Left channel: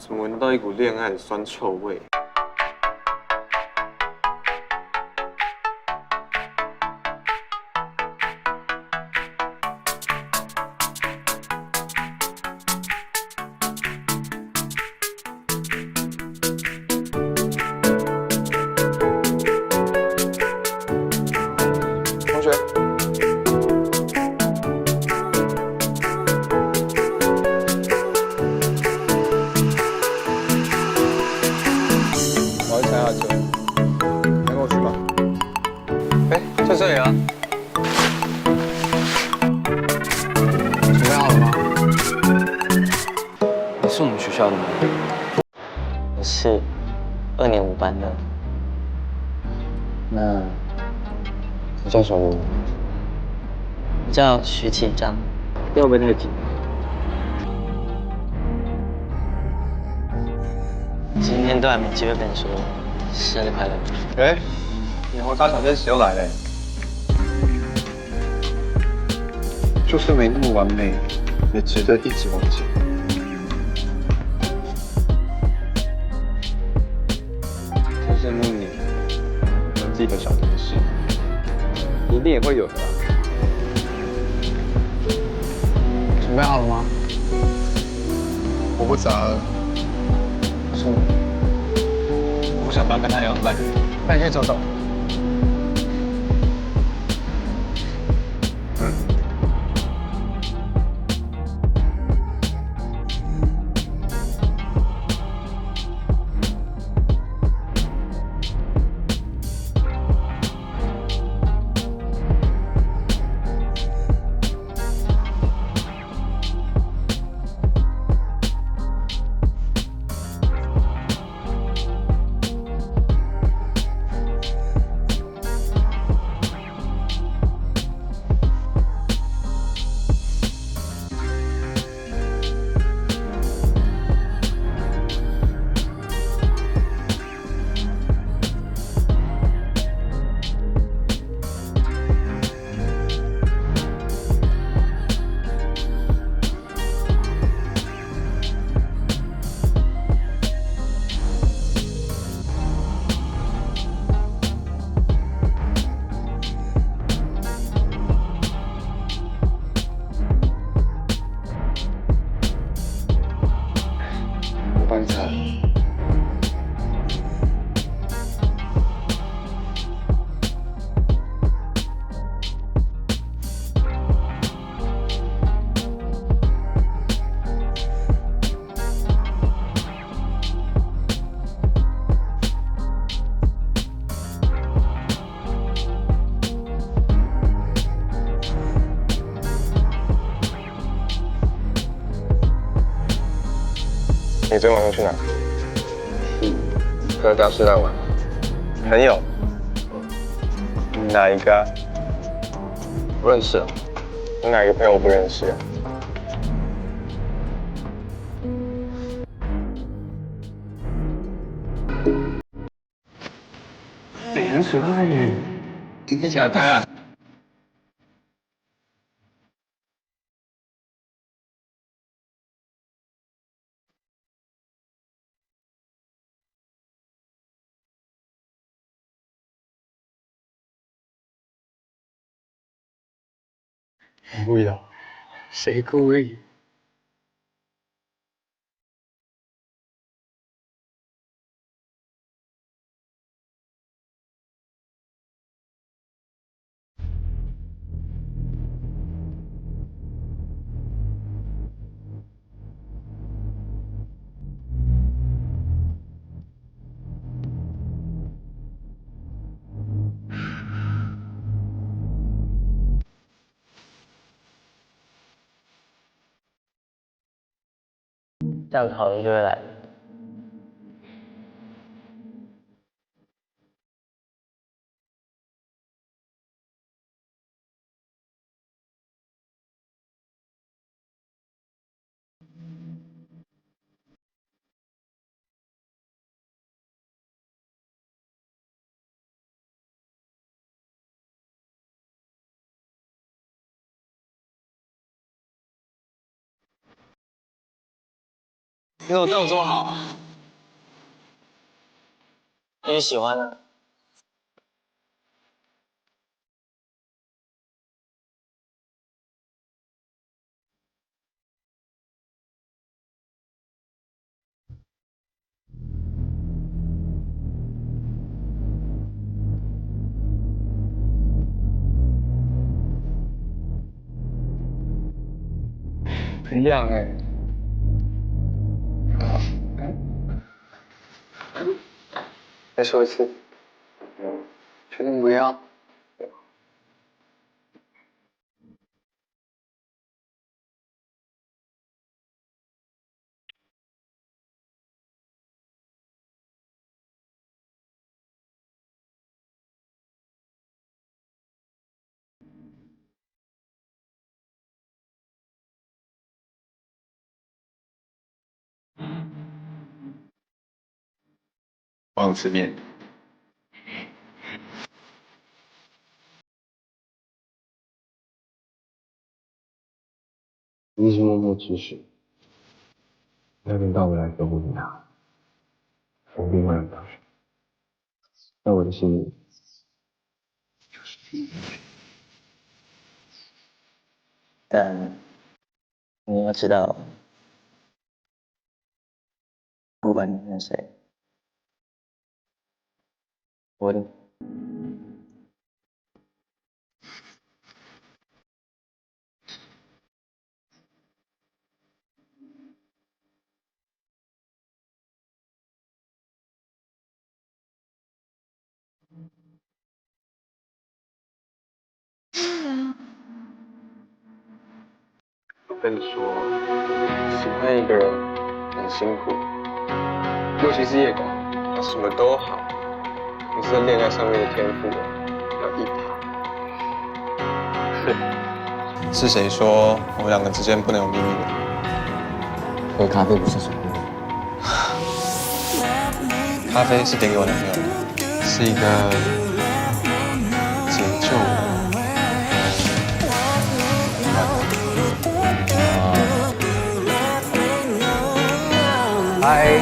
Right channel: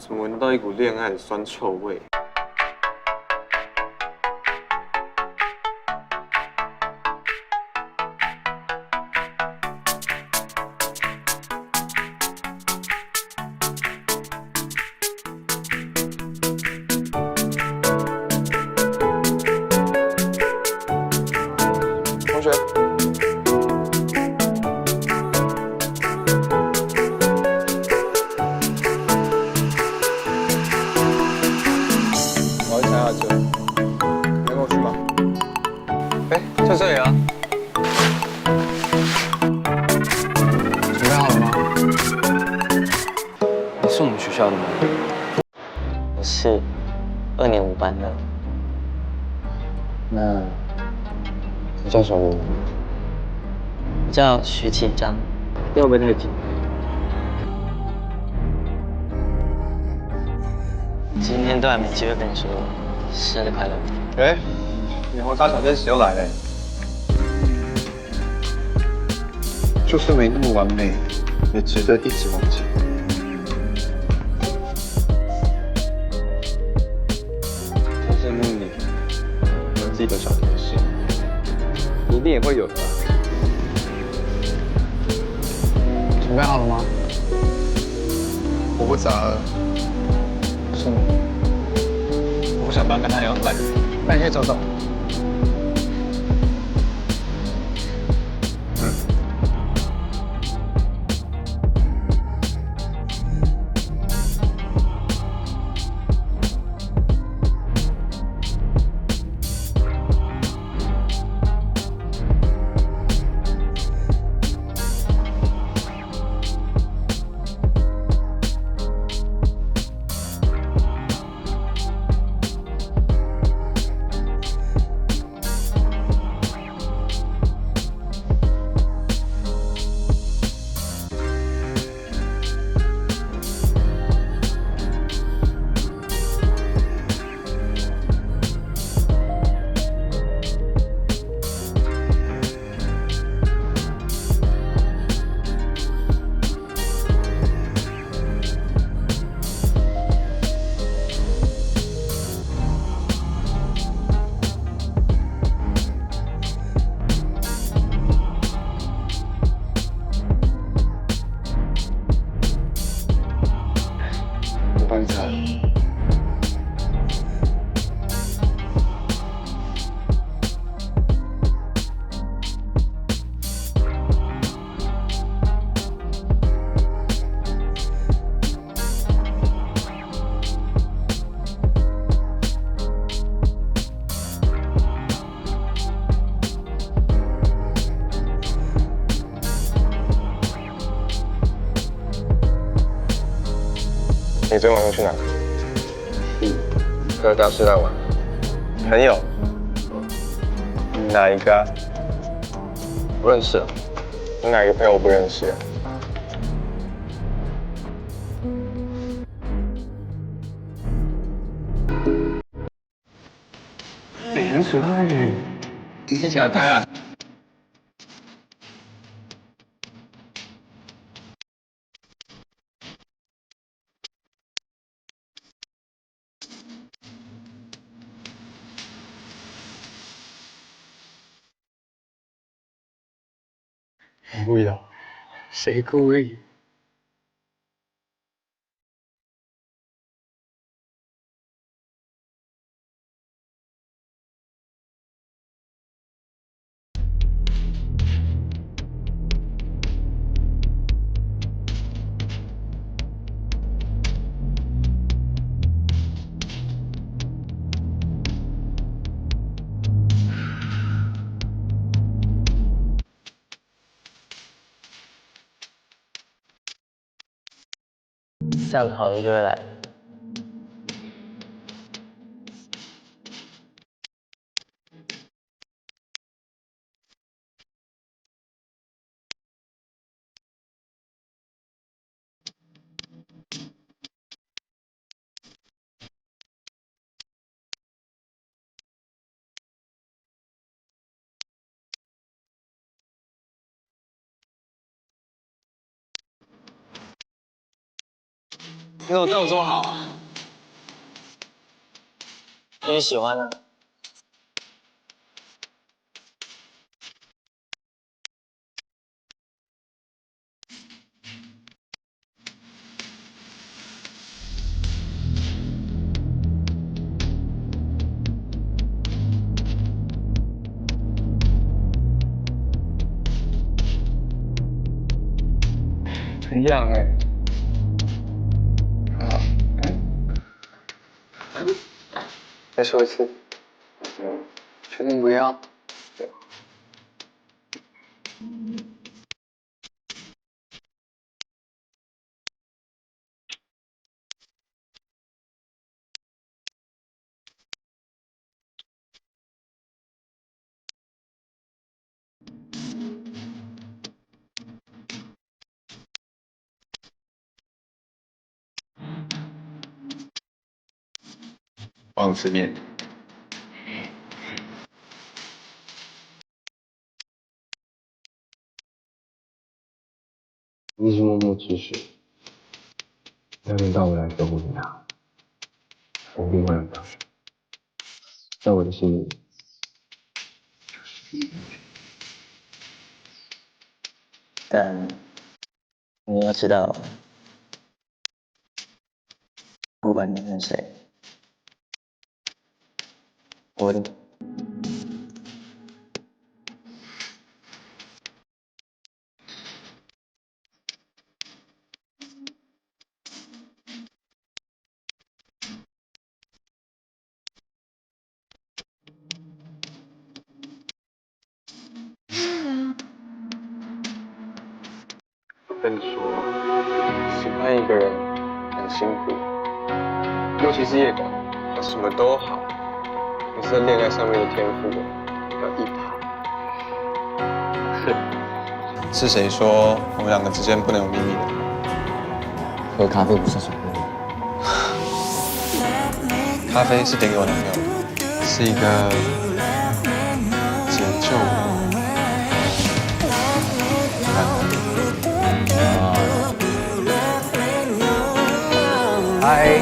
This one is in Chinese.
怎么闻得到一股恋爱的酸臭味？同学，我要去参加车，能跟我去吗？哎，在这里啊。准备好了吗？你是我们学校的吗？我是2年5班的。那你叫什么名字？我叫徐启章。会不会太紧？今天都还没机会跟你说生日快乐。哎，你红茶小天使又来了。就算没那么完美，也值得一直往前。真羡慕你，有自己的小天使，你一定也会有的啦。准备好了吗？我不砸了。是你。我不想当跟他一样烂人。那你可以走走。我帮你擦。你昨天晚上去哪？和大师来玩。朋友？哪一个啊？不认识啊。你哪一个朋友我不认识啊？很可爱耶！一起来拍啊！我故意的。谁故意？下个好运就会来。你怎么对我这么好啊？因为喜欢啊。一样哎。好，再说一次。确定不要？王吃面。你是默默之士，要轮到我来守护你他，我一定会让他在我的心里就是第一。但你要知道，不管你跟谁，我的。我跟你说，喜欢一个人很辛苦，尤其是叶广，他什么都好，可是在恋爱上面的天赋要一塌。是谁说我们两个之间不能有秘密的？喝咖啡不是什么秘密，咖啡是点给我男朋友的，是一个解救我。嗨。